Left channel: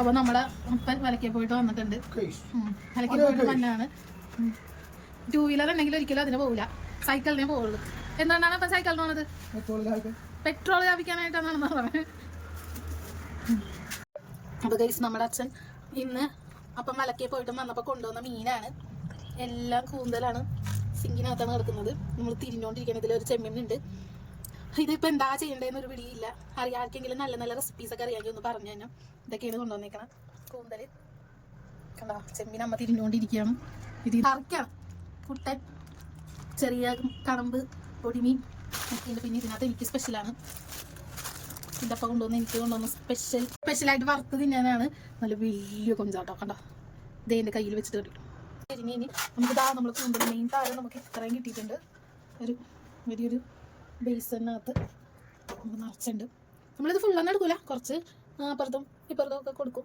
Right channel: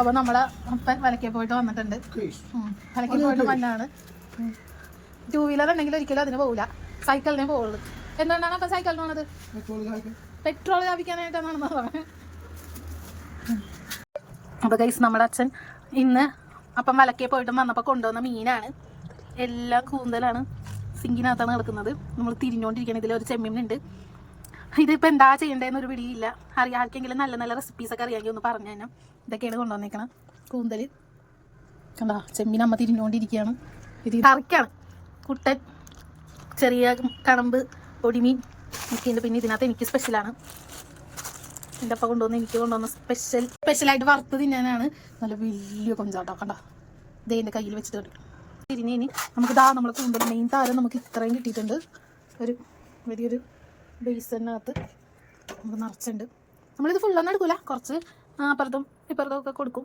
അപ്പോൾ നമ്മളെ അപ്പൻ വലക്കെ പോയിട്ട് വന്നിട്ടുണ്ട്. വലക്കെ പോയിട്ട് വന്നാണ്. 2 വീലർ ഉണ്ടെങ്കിൽ ഒരിക്കലും അതിന് പോകില്ല, സൈക്കിളിനെ പോകുള്ളൂ. എന്തുകൊണ്ടാണ് അപ്പം സൈക്കിളിന് പോണത്? പെട്രോൾ ലാഭിക്കാനായിട്ടാണെന്ന് പറഞ്ഞത്. അപ്പോൾ ഗൈസ് നമ്മുടെ അച്ഛൻ ഇന്ന് അപ്പം വലക്കെ പോയിട്ട് വന്നപ്പോൾ കൊണ്ടുവന്ന മീനാണ്. എല്ലാം കൂന്തലാണ്, സിങ്കിനകത്താണ് കിടക്കുന്നത്. നമ്മൾ തിരിഞ്ഞുകൊണ്ടിരിക്കണം. ഇതിലൊരു ചെമ്മീനുണ്ട്. ഇതിപ്പോൾ എന്താ ചെയ്യേണ്ടതെന്നൊരു പിടിയില്ല. ആർക്കെങ്കിലും നല്ല നല്ല റെസിപ്പീസൊക്കെ അറിയാമെങ്കിൽ ഒന്ന് പറഞ്ഞു തന്നെ. ഇതൊക്കെയാണ് കൊണ്ടുവന്നേക്കണം. കൂന്തൽ കണ്ടാ, ചെമ്മീൻ അമ്മ തിരിഞ്ഞുകൊണ്ടിരിക്കുകയാണ്. ഇത് കറിക്കാണ്. കുട്ടൻ, ചെറിയ കടമ്പ്, പൊടിമീൻ ഒക്കെ ഉണ്ട്. പിന്നെ ഇതിനകത്ത് എനിക്ക് സ്പെഷ്യലാണ്. എൻ്റെ അപ്പം എനിക്ക് കൊണ്ടുവന്ന സ്പെഷ്യലായിട്ട് വറുത്ത് തിന്നാനാണ്. നല്ല വലിയ കൊഞ്ചാട്ടോ കണ്ട. ഇതേ എൻ്റെ കയ്യിൽ വെച്ചിട്ട് കിട്ടും. തിരിഞ്ഞ് നമുക്ക് നമ്മൾ കൂന്തൽ മെയിൻ താരം നമുക്ക് ഇത്രയും കിട്ടിയിട്ടുണ്ട്. ഒരു വലിയൊരു ബേസിനകത്ത് നമുക്ക് നിറച്ചുണ്ട്. നമ്മളിത് ഫുള്ളൊന്നും എടുക്കില്ല, കുറച്ച് അപ്പുറത്തും ഇപ്പുറത്തും ഒക്കെ കൊടുക്കും.